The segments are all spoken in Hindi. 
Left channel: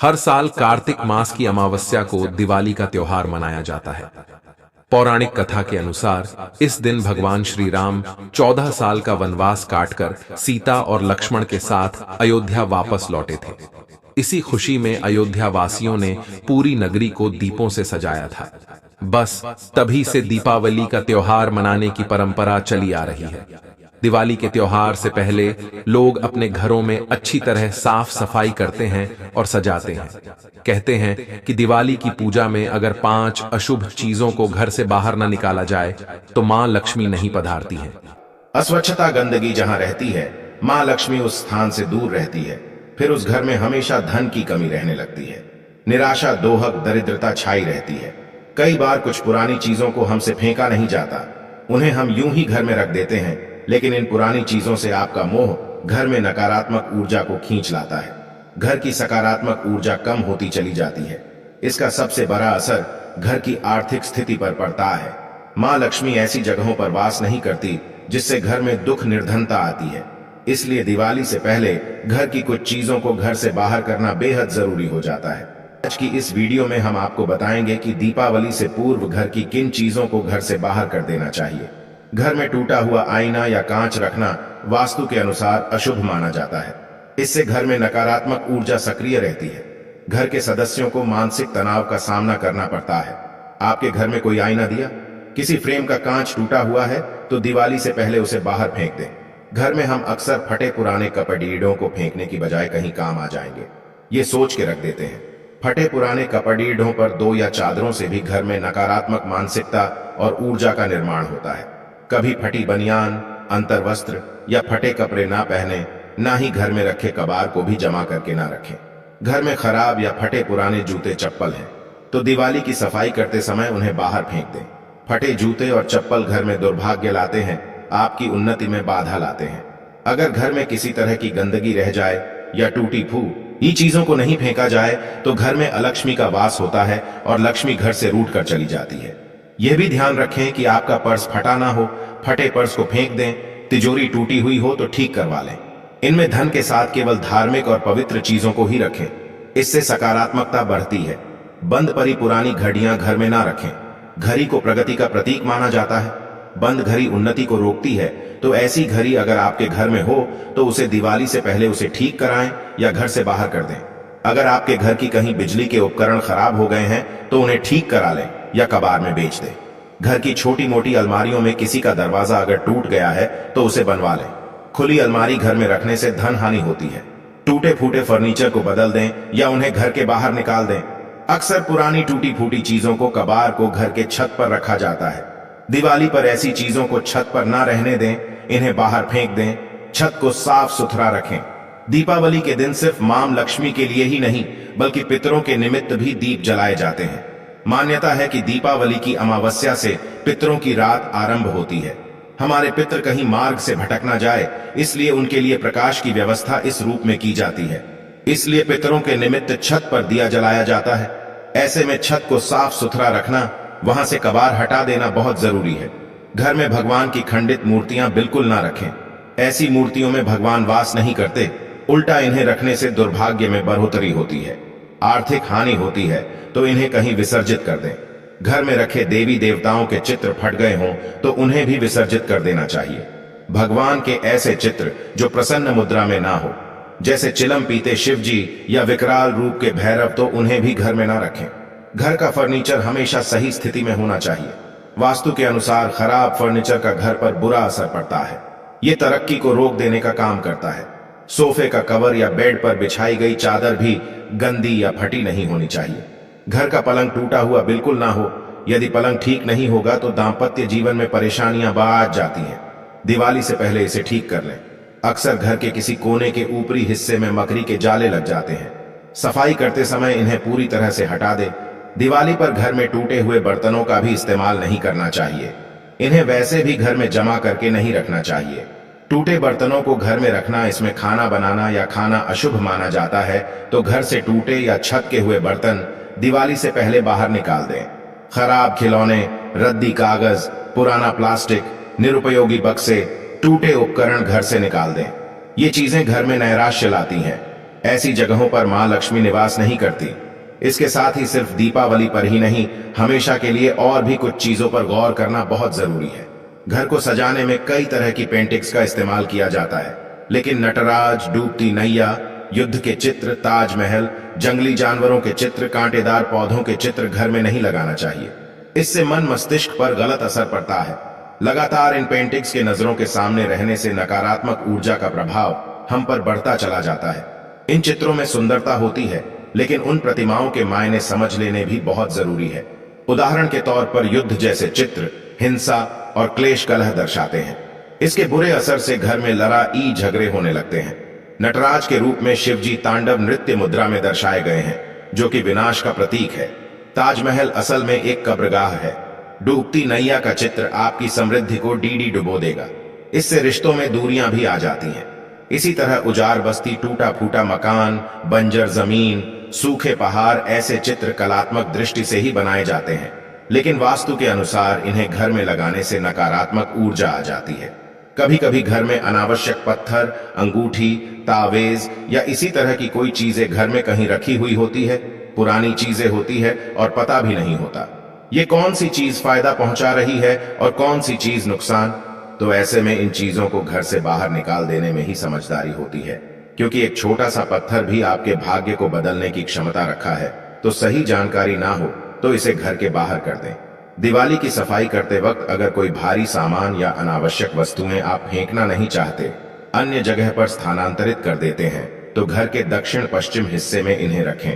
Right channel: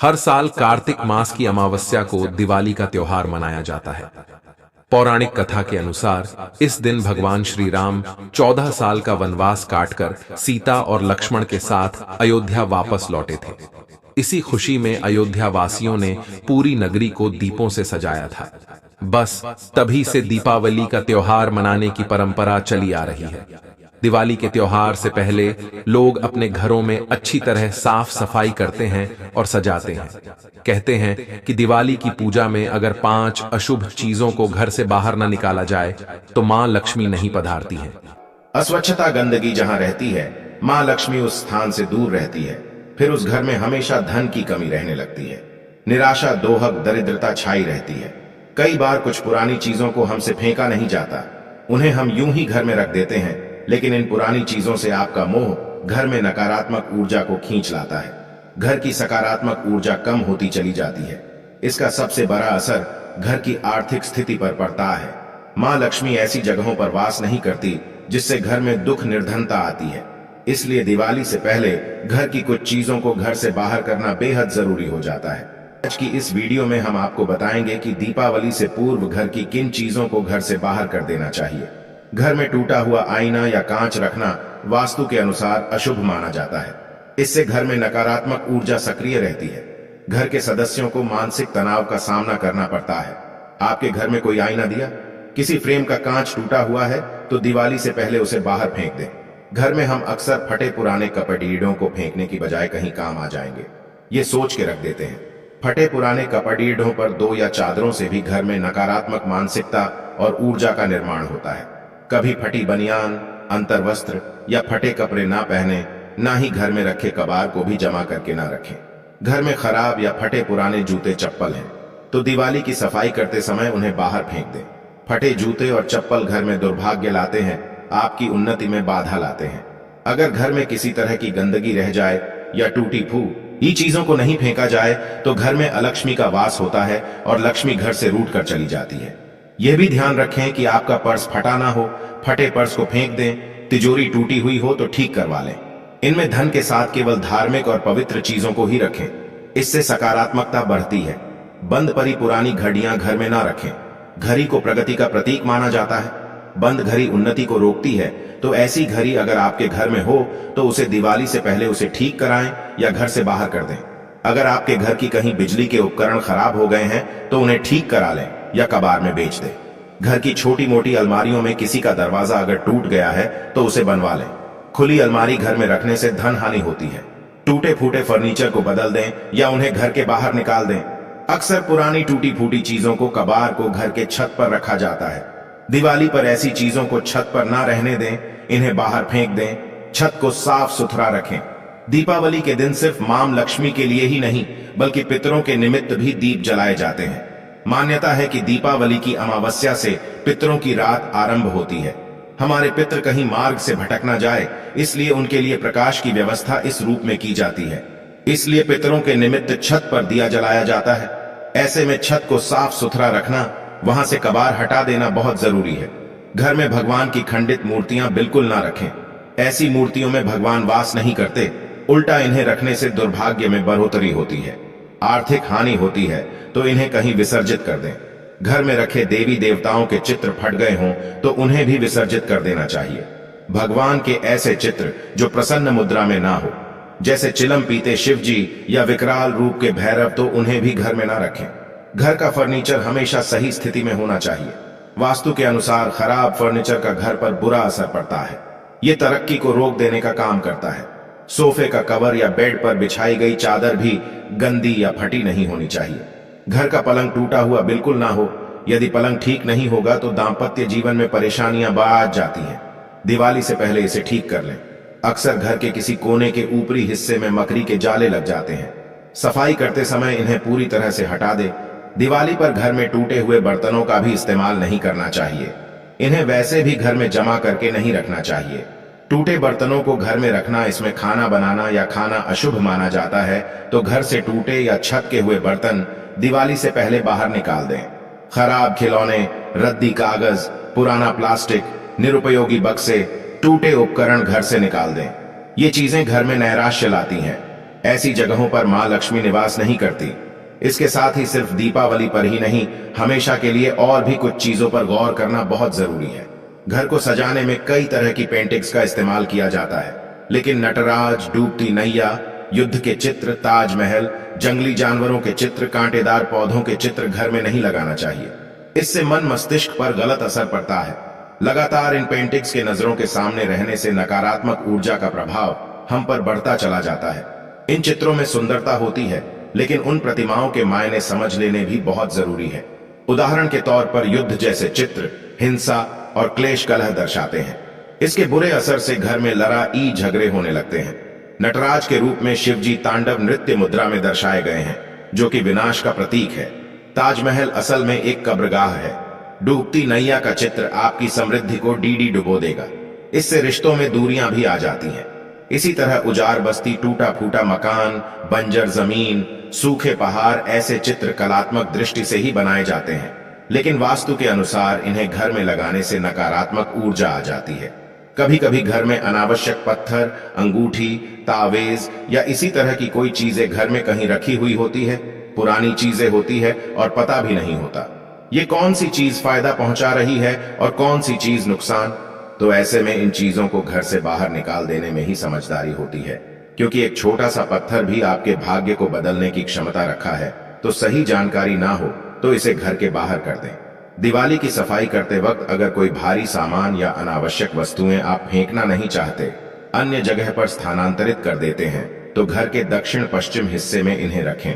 हर साल कार्तिक मास की अमावस्या को दिवाली का त्योहार मनाया जाता है। पौराणिक कथा के अनुसार इस दिन भगवान श्री राम 14 साल का वनवास काटकर सीता और लक्ष्मण के साथ अयोध्या वापस लौटे थे। इसी खुशी में अयोध्या वासियों ने पूरी नगरी को दीपों से सजाया था। बस तभी से दीपावली का त्योहार मनाने की परंपरा चली आ रही है। दिवाली के त्योहार से पहले लोग अपने घरों में अच्छी तरह साफ सफाई करते हैं और सजाते हैं। कहते हैं कि दिवाली की पूजा में अगर 5 अशुभ चीजों को घर से बाहर न निकाला जाए तो मां लक्ष्मी नहीं पधारती हैं। अस्वच्छता गंदगी जहां रहती है, मां लक्ष्मी उस स्थान से दूर रहती है। फिर उस घर में हमेशा धन की कमी रहने लगती है। निराशा, दोहक, दरिद्रता छाई रहती है। कई बार कुछ पुरानी चीजों को हमसे फेंका नहीं जाता, उन्हें हम यूं ही घर में रख देते हैं, लेकिन इन पुरानी चीजों से आपका मोह घर में नकारात्मक ऊर्जा को खींच लाता है। घर की सकारात्मक ऊर्जा कम होती चली जाती है। इसका सबसे बड़ा असर घर की आर्थिक स्थिति पर पड़ता है। मां लक्ष्मी ऐसी जगहों पर वास नहीं करती जिससे घर में दुख, निर्धनता आती है। इसलिए दिवाली से पहले घर की कुछ चीजों को घर से बाहर करना बेहद जरूरी हो जाता है। आज की इस वीडियो में हम आपको बताएंगे कि दीपावली से पूर्व घर की किन चीजों को घर से बाहर कर देना चाहिए। घर में टूटा हुआ आईना या कांच रखना वास्तु के अनुसार अशुभ माना जाता है। इससे घर में नकारात्मक ऊर्जा सक्रिय रहती है। घर के सदस्यों को मानसिक तनाव का सामना करना पड़ता है। आपके घर में कोई आईना दिया, किसी फ्रेम का कांच टूटा हुआ है तो दिवाली से पहले उसे बाहर फेंक दें। घर में हम अक्सर फटे पुराने कपड़ीडों को फेंकने की बजाय कहीं काम आ जाएंगे, ये सोच के रख देते हैं। फटे पुराने कपड़ीडों पर 2 या चादरों से भी घर में नकारात्मक मानसिकता और ऊर्जा का निर्माण होता है। कभी फटी बनियान, अंतर्वस्त्र या फटे कपड़े ना पहने, ना ही घर में रखे कबार को भी जमा करके ना रखें। घर में खराब या फटे पुराने जूते चप्पल हैं तो दिवाली की सफाई करते समय उन्हें बाहर फेंक दें। फटे जूते और चप्पल घर में दुर्भाग्य लाते हैं, आपकी उन्नति में बाधा लाते हैं। अगर घर में किसी तरह की गंदगी रह जाए या टूटी फूटी चीजों को नहीं फेंका जाए तो घर में अलक्ष्मी का वास होता है और लक्ष्मी घर से रूठ कर चली जाती है। यह भी ध्यान रखें कि आपका पर्स फटा ना हो। फटे पर्स को फेंक दें। तिजोरी टूटी हुई हो तो ठीक करवा लें। इनमें धन के साथ केवल धार्मिक और पवित्र चीजों को ही रखें, इससे सकारात्मकता बढ़ती है। बंद पड़ी पुरानी घड़ियां घर में ना रखें। घड़ी को प्रगति का प्रतीक माना जाता है। बंद घड़ी उन्नति को रोकती है, तो ऐसी घड़ी अगर आपके घर में हो तो उसे दिवाली से पहले उसे ठीक कराएं या घर से बाहर कर दें। अगर आपके घर की कहीं बिजली के उपकरण खराब हो गए हैं तो उन्हें ठीक करा लें या कबाड़ में बेच दें। घर की छोटी मोटी अलमारियों में किसी का दरवाजा अगर टूट गया है तो उसे बनवा लें। खुली अलमारी घर में रखने से धन हानि होती है। टूटे फूटे फर्नीचर को बदल दें या उन्हें घर के बाहर निकाल दें। अक्सर पुरानी टूटी फूटी चीजों को, कबार को घर के छत पर रखा जाता है। दिवाली पर ऐसी चीजों को छत पर ना रहने दें, इन्हें बाहर फेंक दें। छत को साफ सुथरा रखें। दीपावली के दिन सिर्फ मां लक्ष्मी के लिए ही नहीं बल्कि पितरों के निमित्त भी दीप जलाए जाते हैं। मान्यता है कि दीपावली की अमावस्या से पितरों की रात आरंभ होती है। हमारे पितर कहीं मार्ग से भटक ना जाए, इसलिए उनके लिए प्रकाश की व्यवस्था इस रूप में की जाती है। इसलिए पितरों के निमित्त छत पर दिया जलाया जाता है। ऐसे में छत को साफ सुथरा रखना, वहां से कबार हटा देना बहुत जरूरी है। घर में भगवान की खंडित मूर्तियां बिल्कुल ना रखें। ऐसी मूर्तियों में भगवान वास नहीं करते। उल्टा इन्हें रखने से दुर्भाग्य में बढ़ोतरी होती है, आर्थिक हानि होती है, तो इन्हें कहीं विसर्जित कर दें। घर में रखे देवी देवताओं के चित्र फट गए हों तो उन्हें भी विसर्जित कर देना चाहिए। भगवान के ऐसे चित्र जो प्रसन्न मुद्रा में ना हो, जैसे चिलम पीते शिव जी या विकराल रूप के भैरव, तो उन्हें भी घर में ना रखें। घर का फर्नीचर हमेशा सही स्थिति में होना चाहिए। वास्तु के अनुसार खराब फर्नीचर का घर पर बुरा असर पड़ता है। ये तरक्की को रोक देने का काम करता है। सोफे का कवर या बेड पर बिछाई गई चादर भी गंदी या फटी नहीं होनी चाहिए। घर का पलंग टूटा हुआ बिल्कुल ना हो। यदि पलंग ठीक नहीं होगा तो दांपत्य जीवन में परेशानियां बढ़ जाती हैं। दिवाली से पहले इसे ठीक कर लें। अक्सर घर के किसी कोने के ऊपरी हिस्से में मकड़ी के जाले लग जाते हैं। सफाई करते समय इन्हें पूरी तरह से हटा दे। दिवाली पर घर में टूटे हुए बर्तनों का भी इस्तेमाल नहीं करना चाहिए। इन्हें वैसे भी घर में जमा करके नहीं रखना चाहिए। टूटे बर्तनों को घर में रखना, इसमें खाना बनाना या खाना अशुभ माना जाता है, तो घर से टूटे या छत के हुए बर्तन दिवाली से पहले बाहर निकाल दें। खराब खिलौने, रद्दी कागज, पुराना प्लास्टिक, निरुपयोगी बक्से, टूटे उपकरण घर से निकाल दें। ये चीजें घर में नैराश्य लाती हैं। ऐसी जगहों पर मां लक्ष्मी निवास नहीं करती। इसके साथ ही सिर्फ दीपावली पर ही नहीं, हमेशा के लिए और भी कुछ चीजों पर गौर करना बहुत जरूरी है। घर को सजाने में कई तरह की पेंटिंग्स का इस्तेमाल किया जाता है, लेकिन नटराज, डूबती नैया, युद्ध के चित्र, ताजमहल, जंगली जानवरों के चित्र, कांटेदार पौधों के चित्र घर में नहीं लगाना चाहिए। इससे मन मस्तिष्क पर गलत असर पड़ता है। लगातार इन पेंटिंग्स के नजरों के सामने रहने से नकारात्मक ऊर्जा का प्रभाव हम पर बढ़ता चला जाता है। इन चित्रों में सुंदरता होती है, लेकिन उन प्रतिमाओं के मायने समझ लेने भी बहुत जरूरी है। उदाहरण के तौर पर युद्ध जैसे चित्र हिंसा और क्लेश कलह दर्शाते हैं। इसके बुरे असर से घर में लड़ाई झगड़े होने लगते हैं। नटराज के रूप में शिवजी तांडव नृत्य मुद्रा में दर्शाए गए हैं, जो कि विनाश का प्रतीक है। ताजमहल असल में एक कब्रगाह है। डूबती नैया का चित्र आपकी समृद्धि को डीडी डुबो देगा। इससे रिश्तों में दूरियां भी आ जाती हैं। इसी तरह उजाड़ बस्ती, टूटा फूटा मकान, बंजर जमीन, सूखे पहाड़, ऐसे चित्र कलात्मक दृष्टि से ही बनाए जाते हैं, लेकिन वास्तु के अनुसार इन्हें घर में लगाने से नकारात्मक ऊर्जा आ जाती है। कभी कभी घर में अनावश्यक पत्थर, अंगूठी, तावेज या इसी तरह की कोई चीजें घर में कहीं रखी हुई होती है। पुरानी चीजें होती है और पता भी नहीं होता ये कौन सी चीज फायदा पहुंचा रही है और कौन सी चीज नुकसान। तो ऐसे में इन चीजों को घर से बाहर निकाल देने में ही समझदारी होती है, क्योंकि एक छोटा सा पत्थर भी आपके भाग्य को बदलने की क्षमता रखा है। तो सही जानकारी ना हो तो इसे घर के बाहर कर दें। दिवाली की सफाई करते वक्त अगर कोई भारी सामान या अनावश्यक वस्तुएं आप फेंकना नहीं चाहते, अन्य जगह पर स्थानांतरित कर देते हैं, तो घर के दक्षिण पश्चिम हिस्से में इन्हें रखें।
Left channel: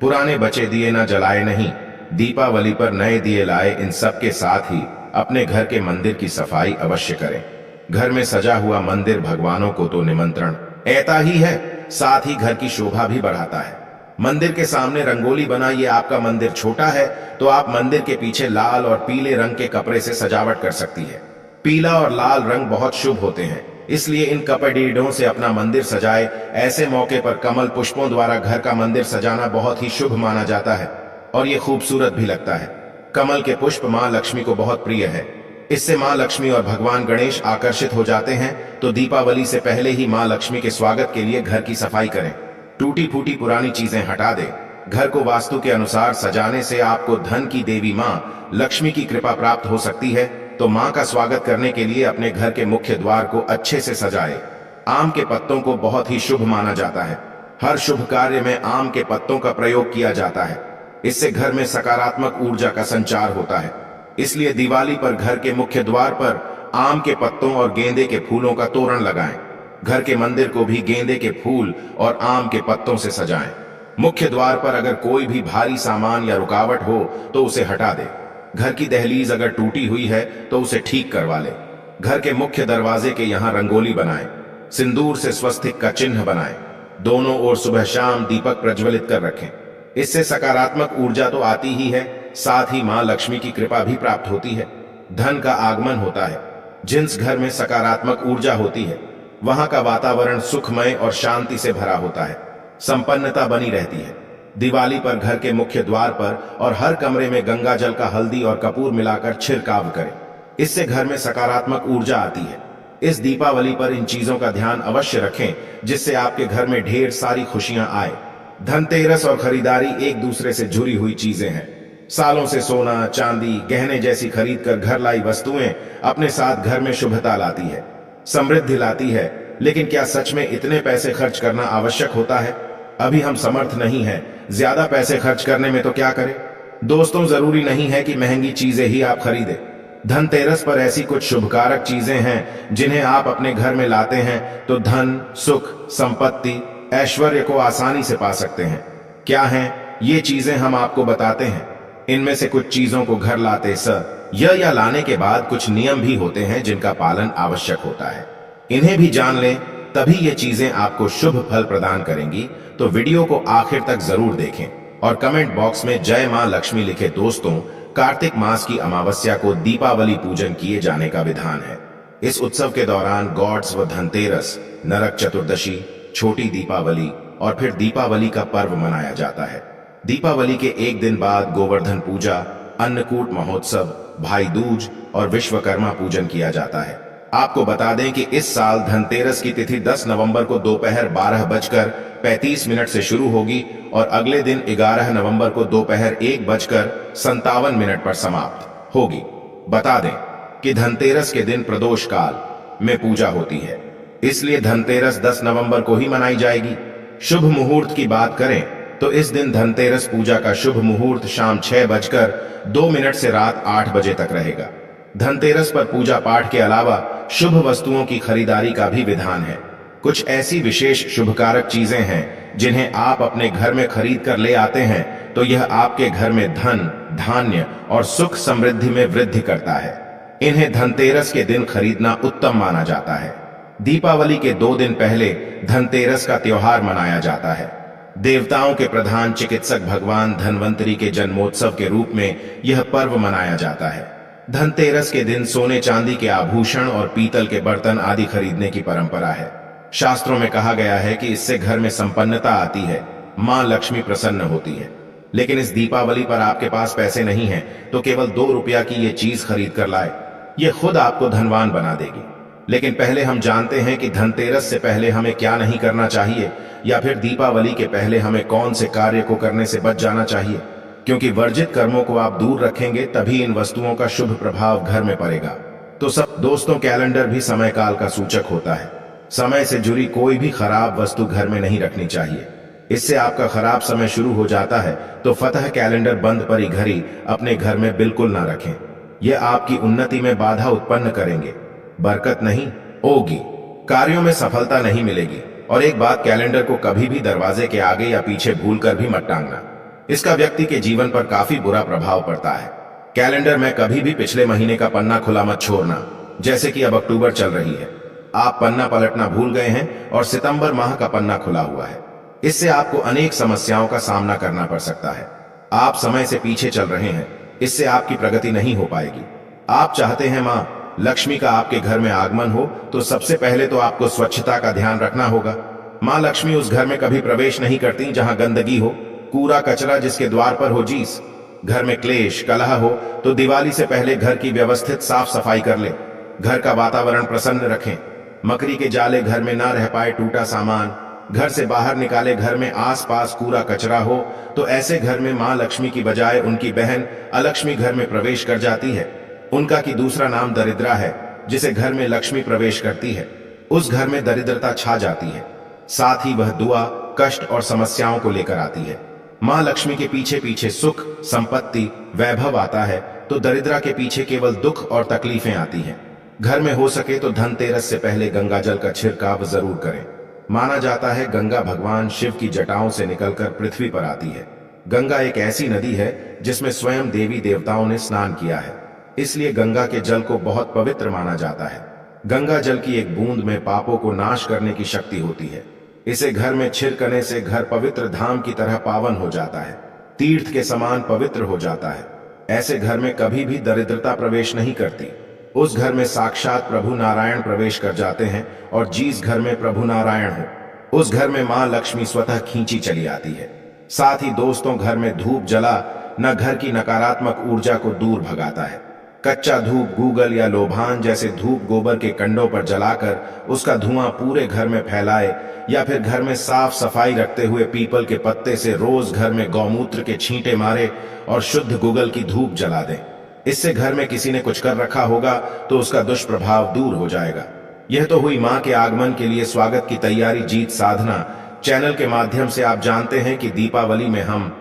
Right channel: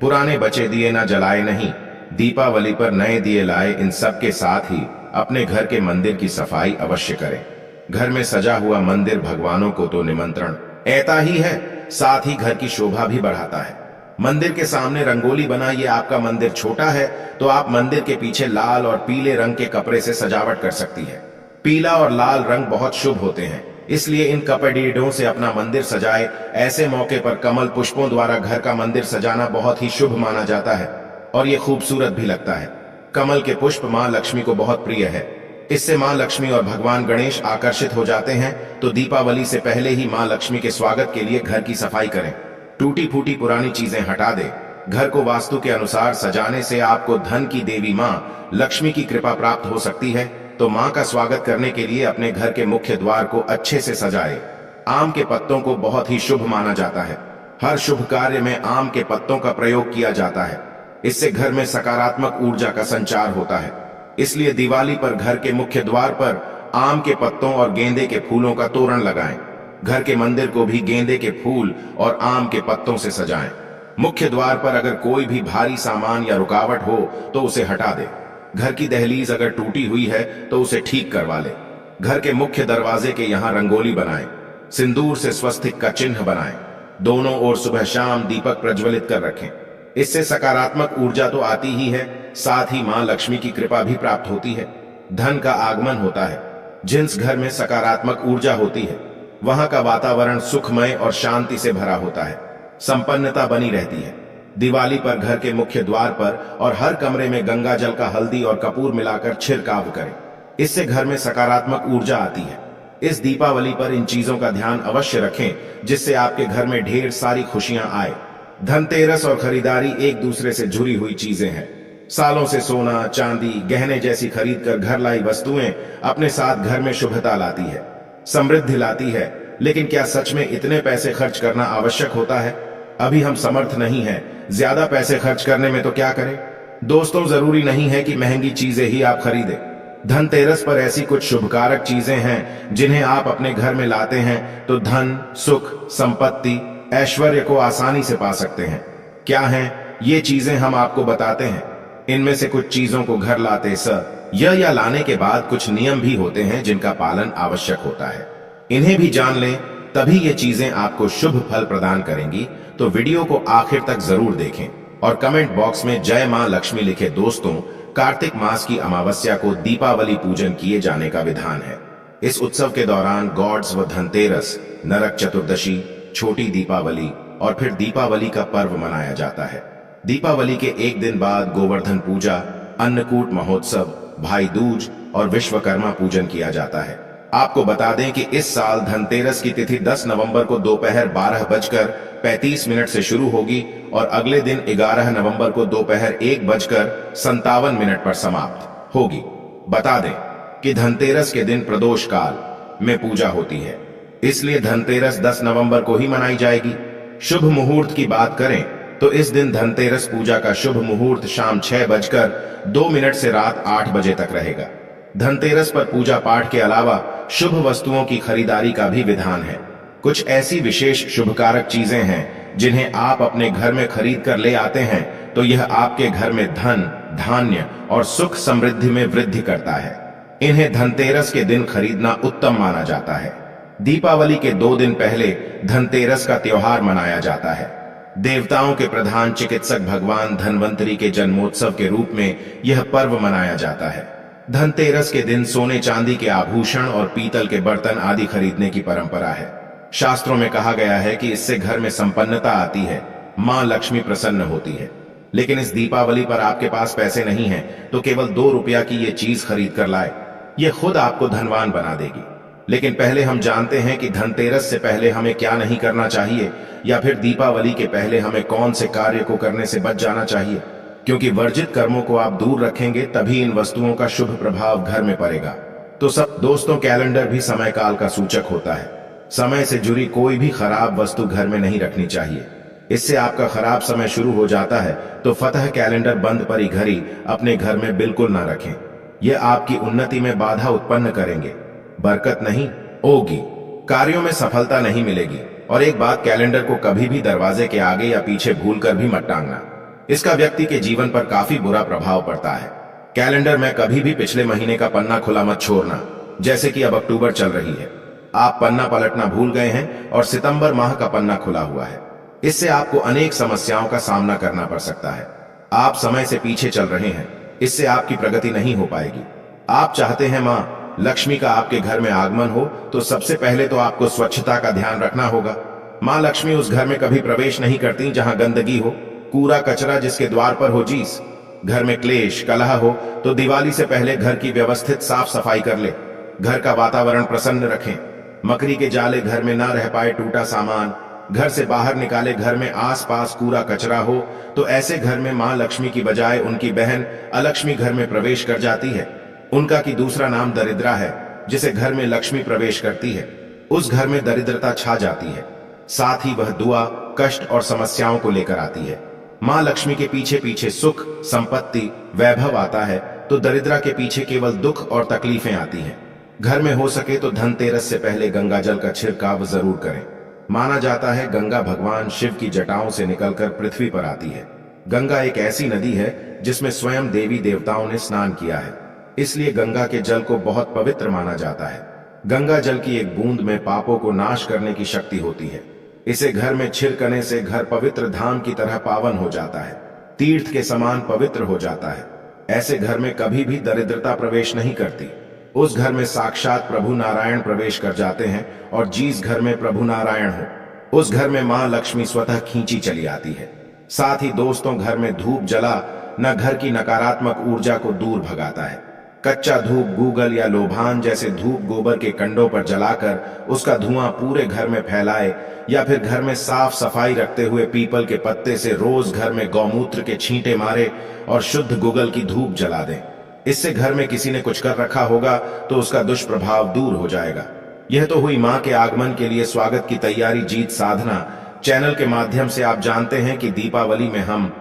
पुराने बचे दिए न जलाए नहीं, दीपावली पर नए दिए लाए। इन सब के साथ ही अपने घर के मंदिर की सफाई अवश्य करें। घर में सजा हुआ मंदिर भगवानों को तो निमंत्रण ऐता ही है, साथ ही घर की शोभा भी बढ़ाता है। मंदिर के सामने रंगोली बनाइए। आपका मंदिर छोटा है तो आप मंदिर के पीछे लाल और पीले रंग के कपड़े से सजावट कर सकती है। पीला और लाल रंग बहुत शुभ होते हैं, इसलिए इन कपड़ीडों से अपना मंदिर सजाए। ऐसे मौके पर कमल पुष्पों द्वारा घर का मंदिर सजाना बहुत ही शुभ माना जाता है और ये खूबसूरत भी लगता है। कमल के पुष्प मां लक्ष्मी को बहुत प्रिय है। इससे मां लक्ष्मी और भगवान गणेश आकर्षित हो जाते हैं। तो दीपावली से पहले ही मां लक्ष्मी के स्वागत के लिए घर की सफाई करें। टूटी फूटी पुरानी चीजें हटा दें। घर को वास्तु के अनुसार सजाने से आपको धन की देवी मां लक्ष्मी की कृपा प्राप्त हो सकती है। तो मां का स्वागत करने के लिए अपने घर के मुख्य द्वार को अच्छे से सजाए। आम के पत्तों को बहुत ही शुभ माना जाता है। हर शुभ कार्य में आम के पत्तों का प्रयोग किया जाता है। इससे घर में सकारात्मक ऊर्जा का संचार होता है। इसलिए दिवाली पर घर के मुख्य द्वार पर आम के पत्तों और गेंदे के फूलों का तोरण लगाएं। घर के मंदिर को भी गेंदे के फूल और आम के पत्तों से सजाएं। मुख्य द्वार पर अगर कोई भी भारी सामान या रुकावट हो तो उसे हटा दे। घर की दहलीज अगर टूटी हुई है तो उसे ठीक करवा ले। घर के मुख्य दरवाजे के यहाँ रंगोली बनाएं। सिंदूर से स्वस्तिक का चिन्ह बनाएं। दोनों ओर सुबह शाम दीपक प्रज्वलित कर रखें। इससे सकारात्मक ऊर्जा तो आती ही है, साथ ही मां लक्ष्मी की कृपा भी प्राप्त होती है। धन का आगमन होता है। जिस घर में सकारात्मक ऊर्जा होती है वहां का वातावरण सुखमय और शांति से भरा होता है। संपन्नता बनी रहती है। दिवाली पर घर के मुख्य द्वार पर और हर कमरे में गंगा जल का हल्दी और कपूर मिलाकर छिड़काव करें। इससे घर में सकारात्मक ऊर्जा आती है। इस दीपावली पर इन चीजों का ध्यान अवश्य रखें, जिससे आपके घर में ढेर सारी खुशियां आए। धनतेरस और खरीदारी एक दूसरे से जुड़ी हुई चीजें हैं। सालों से सोना, चांदी, गहने जैसी खरीद कर घर लाई वस्तुएं अपने साथ घर में शुभता लाती है, समृद्धि लाती है। लेकिन क्या सच में इतने पैसे खर्च करना आवश्यक होता है? अभी हम समर्थ नहीं हैं ज्यादा पैसे खर्च करने में, तो क्या करें? दोस्तों, जरूरी नहीं है कि महंगी चीजें ही आप खरीदें। धनतेरस पर ऐसी कुछ शुभकारक चीजें हैं जिन्हें आप अपने घर में लाते हैं तो धन, सुख, संपत्ति, ऐश्वर्य को आसानी से पा सकते हैं। क्या हैं ये चीजें, हम आपको बताते हैं। इनमें से कुछ चीजों को घर लाते या लाने के बाद कुछ नियम भी होते हैं जिनका पालन आवश्यक होता है। इन्हें भी जान लें, तभी ये चीजें आपको शुभ फल प्रदान करेंगी। तो वीडियो को आखिर तक जरूर देखें और कमेंट बॉक्स में जय मां लक्ष्मी लिखे। दोस्तों, कार्तिक मास की अमावस्या को दीपावली पूजन किए जाने का विधान है। इस उत्सव के दौरान गॉड्स व धनतेरस, नरक चतुर्दशी, छोटी दीपावली और फिर दीपावली का पर्व मनाया जाता है। दीपावली के एक दिन बाद गोवर्धन पूजा, अन्नकूट महोत्सव, भाई दूज और विश्वकर्मा पूजन किया जाता है। आपको बता दें कि इस साल धनतेरस की तिथि 10 नवंबर को दोपहर 12 बजकर 35 से शुरू होगी और अगले दिन 11 नवंबर को दोपहर 1:57 पर समाप्त होगी। बता दें कि धनतेरस के दिन प्रदोष काल में पूजा होती है, इसलिए धनतेरस 10 नवंबर को ही मनाई जाएगी। शुभ मुहूर्त की बात करें तो इस दिन धनतेरस पूजा का शुभ मुहूर्त शाम 6:02 से रात 8 बजे तक रहेगा। धनतेरस पर पूजा पाठ के अलावा शुभ वस्तुओं की खरीदारी का भी विधान है। कुछ ऐसी विशेष शुभकारक चीजें हैं जिन्हें आप अपने घर में खरीद कर ले आते हैं तो यह आपके घर में धन, धान्य और सुख समृद्धि में वृद्धि करता है। इन्हें धनतेरस के दिन खरीदना उत्तम माना जाता है। दीपावली के 2 दिन पहले धनतेरस का त्योहार मनाया जाता है। देवताओं के प्रधान चिकित्सक भगवान धन्वंतरी के जन्मोत्सव के रूप में यह पर्व मनाया जाता है। धनतेरस के दिन सोने चांदी के आभूषण और पीतल के बर्तन आदि खरीदने की परंपरा है। शास्त्रों में कहा गया है कि इससे घर में संपन्नता आती है, मां लक्ष्मी प्रसन्न होती है। लेकिन इस दीपावली पर आपके पास पैसे नहीं हैं तो केवल 2 रुपया की ये चीज खरीद कर लाए, यह खुद आपको धनवान बना देगी। लेकिन पहले हम जानते हैं कि धनतेरस से पहले हमें क्या नहीं करना चाहिए, या फिर दीपावली के पहले हमें कौन से कार्य को करने से बच जाना चाहिए, क्योंकि वर्जित कर्मों को आप दूर रखेंगे तभी इन वस्तुओं का शुभ प्रभाव घर में पड़ेगा। तो सब दोस्तों, कैलेंडर भी समय काल का सूचक होता है। समय से जुड़ी कोई भी खराब वस्तु घर में नहीं रखनी चाहिए, इससे आपका खराब समय शुरू हो जाता है। तो फतह कैलेंडर बंद पड़ी घड़ी अपने घर में बिल्कुल ना रखें, यह आपकी उन्नति में बाधा उत्पन्न करेंगे, बरकत नहीं होगी, कार्यों में सफलता नहीं मिलेगी। और एक बात, कैलेंडर को कभी भी दरवाजे के आगे या पीछे भूलकर भी मत टांगना, इसका व्यक्ति के जीवन पर काफी बुरा प्रभाव पड़ता है। कैलेंडर में कभी भी पिछले महीने का पन्ना खुला मत छोड़ना। जैसे कि अब अक्टूबर चल रही है, आप पन्ना पलटना भूल गए हैं और सितंबर माह का पन्ना खुला हुआ है, इससे आपको अनेक समस्याओं का सामना करना पड़ सकता है। आप समय से पीछे चल रहे हैं, इससे आपकी प्रगति नहीं हो पाएगी। आप चाहते हैं मां लक्ष्मी का आपके घर में आगमन हो, तो सबसे पहले तो आपको स्वच्छता का ध्यान रखना होगा। मां लक्ष्मी उस घर में कभी प्रवेश नहीं करती जहां गंदगी हो, कूड़ा कचरा जिसके द्वार पर हो जीस। घर में क्लेश कलह हो तो दिवाली से पहले घर की व्यवस्थित साफ सफाई कर ले। घर का वातावरण प्रसन्न रखें। मकड़ी के जाले घर में ना रह पाए, टूटा सामान घर से बाहर निकाले। घर में आसपास कूड़ा कचरा हो तो ऐसे घर में मां लक्ष्मी की बजाय उनकी बहन अलक्ष्मी घर में प्रवेश कर जाती है। उनका की दूसरा नाम दरिद्रा है, जिसे घर में लक्ष्मी प्रवेश करती है उस घर में दरिद्रता छा जाती है। साथ ही वह दुआ, कष्ट और समस्याओं को लेकर आती है। मां लक्ष्मी के पीछे पीछे सुख, संपत्ति, वैभव आता है तो दरिद्रा के पीछे केवल दुख और तकलीफें आती हैं। घर में हो सके तो धनतेरस से पहले गंगा जल का छिड़काव जरूर करें। माना जाता है गंगा भगवान शिव की जटाओं से निकलकर पृथ्वी पर आती है। गंगा एक ऐसी नदी है जिसमें स्वयं देवी देवताओं ने स्नान किया है, इसलिए गंगा के जल को बहुत पवित्र माना जाता है। गंगा जल की एक बूंद में पापों को नाश करने की शक्ति होती है। इसे घर में छिड़कने से घर पवित्र धाम की तरह पावन हो जाता है, तीर्थ के समान पवित्र हो जाता है। ऐसे घर में कभी भी दरिद्रता प्रवेश नहीं करती। उस घर में साक्षात प्रभु नारायण प्रवेश कर जाते हैं, और जिस घर में प्रभु नारायण हो उस घर में मां लक्ष्मी स्वतः खींची चली आती है। साथ ही दोस्तों, घर में धूप जला न घर की नकारात्मक ऊर्जा को दूर भगाता है। कच्चा धूप गूगल या लोभान जैसे धूप गोबर के कंडों पर जलाकर उसका धुआं पूरे घर में फैलाए, या फिर घर में साफ सफाई रखते हुए पीपल के पत्ते से रोज घर में गौमूत्र के छींटे मारे और शुद्ध गूगल की धूप जला दें। इससे घर में किसी ने कुछ कर रखा होगा तो उसका दुष्प्रभाव दूर हो जाएगा। यह तो हुई मां के आगमन के लिए स्वागत की तैयारी, जीत साधना। चैनल के माध्यम से आप जानते हैं कि दीपावली में हम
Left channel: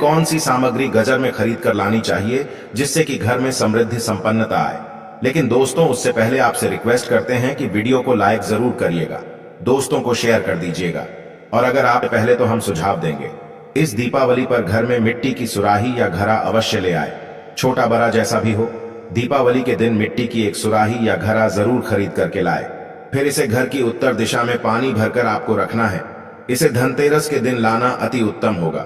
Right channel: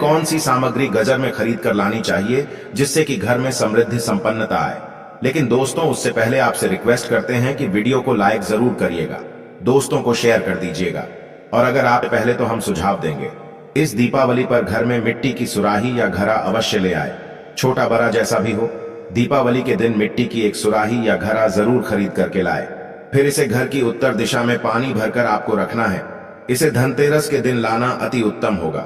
कौन सी सामग्री गजर में खरीद कर लानी चाहिए जिससे कि घर में समृद्धि संपन्नता आए। लेकिन दोस्तों, उससे पहले आपसे रिक्वेस्ट करते हैं कि वीडियो को लाइक जरूर करिएगा, दोस्तों को शेयर कर दीजिएगा, और अगर आप पहले तो हम सुझाव देंगे। इस दीपावली पर घर में मिट्टी की सुराही या घड़ा अवश्य ले आए, छोटा बड़ा जैसा भी हो। दीपावली के दिन मिट्टी की एक सुराही या घड़ा जरूर खरीद करके लाए। फिर इसे घर की उत्तर दिशा में पानी भरकर आपको रखना है। इसे धनतेरस के दिन लाना अति उत्तम होगा।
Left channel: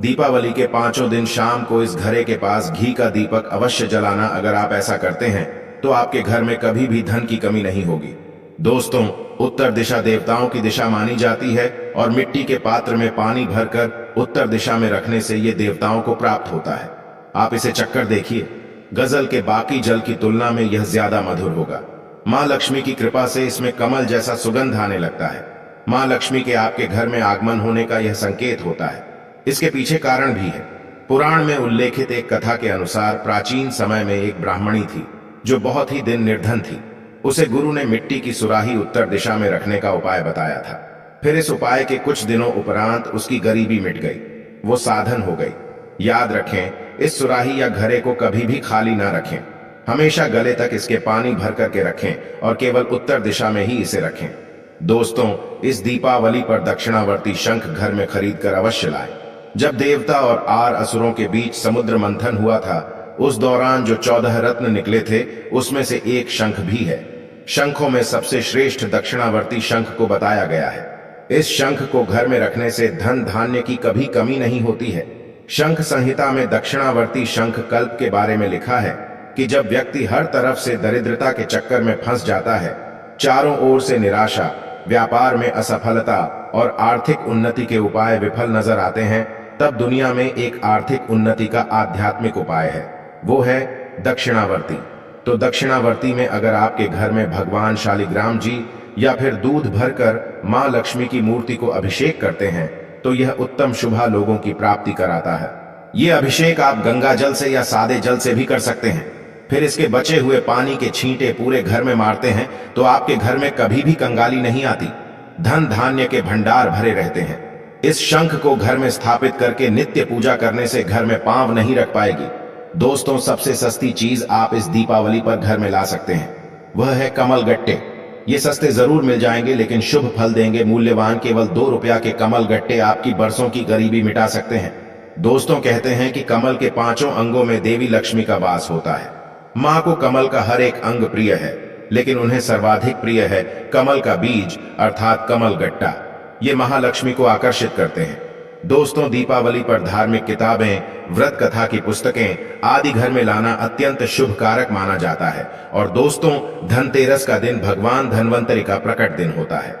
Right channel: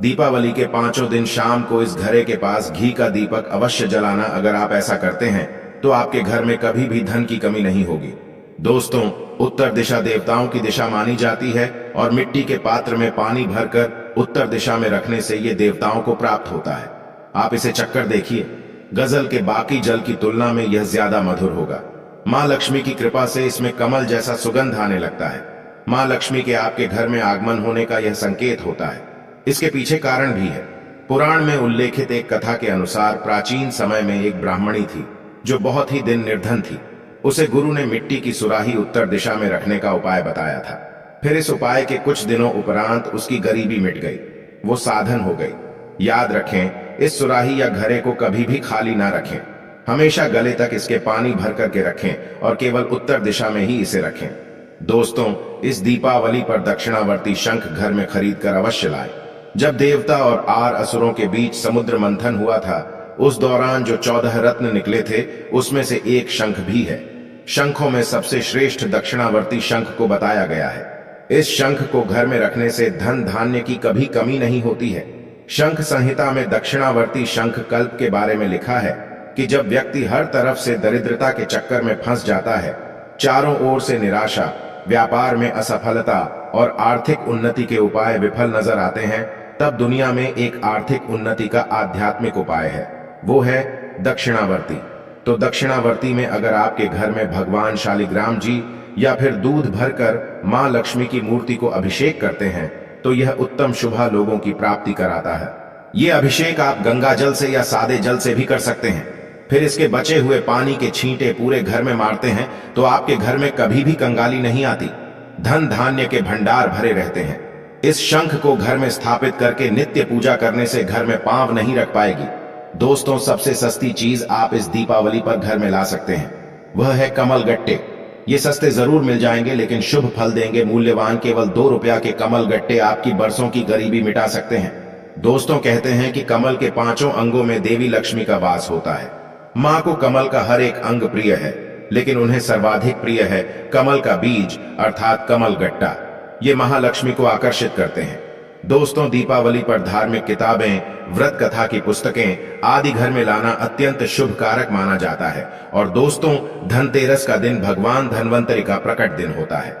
दीपावली के 5 दिन शाम को इस घड़े के पास घी का दीपक अवश्य जलाना। अगर आप ऐसा करते हैं तो आपके घर में कभी भी धन की कमी नहीं होगी। दोस्तों, उत्तर दिशा देवताओं की दिशा मानी जाती है, और मिट्टी के पात्र में पानी भरकर उत्तर दिशा में रखने से यह देवताओं को प्राप्त होता है। आप इसे चक्कर देखिए, गजल के बाकी जल की तुलना में यह ज्यादा मधुर होगा। मां लक्ष्मी की कृपा से इसमें कमल जैसा सुगंध आने लगता है। मां लक्ष्मी के आपके घर में आगमन होने का यह संकेत होता है। इसके पीछे कारण भी है। पुराण में उल्लेखित एक कथा के अनुसार प्राचीन समय में एक ब्राह्मणी थी जो बहुत ही दिन निर्धन थी। उसे गुरु ने मिट्टी की सुराही उत्तर दिशा में रखने का उपाय बताया था। फिर इस उपाय के कुछ दिनों उपरांत उसकी गरीबी मिट गई, वो साधन हो गई। याद रखें, इस सुराही या घड़े को कभी भी खाली ना रखें। हमेशा गले तक इसके पानी भर करके रखें और केवल उत्तर दिशा में ही इसे रखें। दोस्तों, इस दीपावली पर दक्षिणावर्ती शंख घर में खरीद कर अवश्य लाएं। जब देवता और आर असुरों के बीच समुद्र मंथन हुआ था, उस दौरान जो 14 रत्न निकले थे उसमें से एक शंख भी है। शंखों में सबसे श्रेष्ठ दक्षिणावर्ती शंख को बताया गया है। इस शंख को घर में रखने से धन धान्य की कभी कमी नहीं होती है। शंख संहिता में दक्षिणावर्ती शंख कल्प के बारे में लिखा है कि जब व्यक्ति हर तरफ से दरिद्रता के चक्कर में फंस जाता है, चारों ओर से निराशा, व्यापार में असफलता और आर्थिक उन्नति के उपाय विफल नजर आते हैं, तब दुनिया में एक आर्थिक उन्नति का आध्यात्मिक उपाय है, वो है दक्षिणावर्ती। तो दक्षिणावर्ती में अगर आपके घर में भगवान शालिग्राम जी या फिर दूध भरकर मां लक्ष्मी की मूर्ति को अभिषेक करते हैं तो यह उत्तम शुभा लोगों की प्राप्ति कराता है। यह अभिषेक आप गंगा जल से या सादे जल से भी कर सकते हैं। फिर इसके बचे हुए पानी के छींटे पूरे घर में मारते हैं तो आपके घर में कभी भी कंगाली नहीं आती, धन धान्य के भंडार भरे रहते हैं। इस शंख को घर में स्थापित करके नित्य पूजा करने से घर में पांव नहीं रख पाएगी। दोस्तों, सबसे सस्ती चीज आप इस दीपावली पर घर में ला सकते हैं, वह है कमल गट्टे। ये सस्ते जरूर मिल जाएंगे लेकिन शुभ फल देंगे। मूल्यवान केवल 2 रुपया के कमल गट्टे आपकी बरसों की गरीबी मिटा सकते हैं। दोस्तों, कहते हैं कि कमल के 5 अंगों में देवी लक्ष्मी का वास होता है। मां को कमल का हर एक अंग प्रिय है, लेकिन उन्हें सर्वाधिक प्रिय है कमल का बीज अर्थात कमल गट्टा। ये महालक्ष्मी को आकर्षित करते हैं। दोस्तों, दीपावली पर धार्मिक किताबें, व्रत कथा की पुस्तकें आदि घर में लाना अत्यंत शुभ कारक माना जाता है। और दोस्तों, धनतेरस का दिन भगवान धन्वंतरि का प्रकट दिन होता है।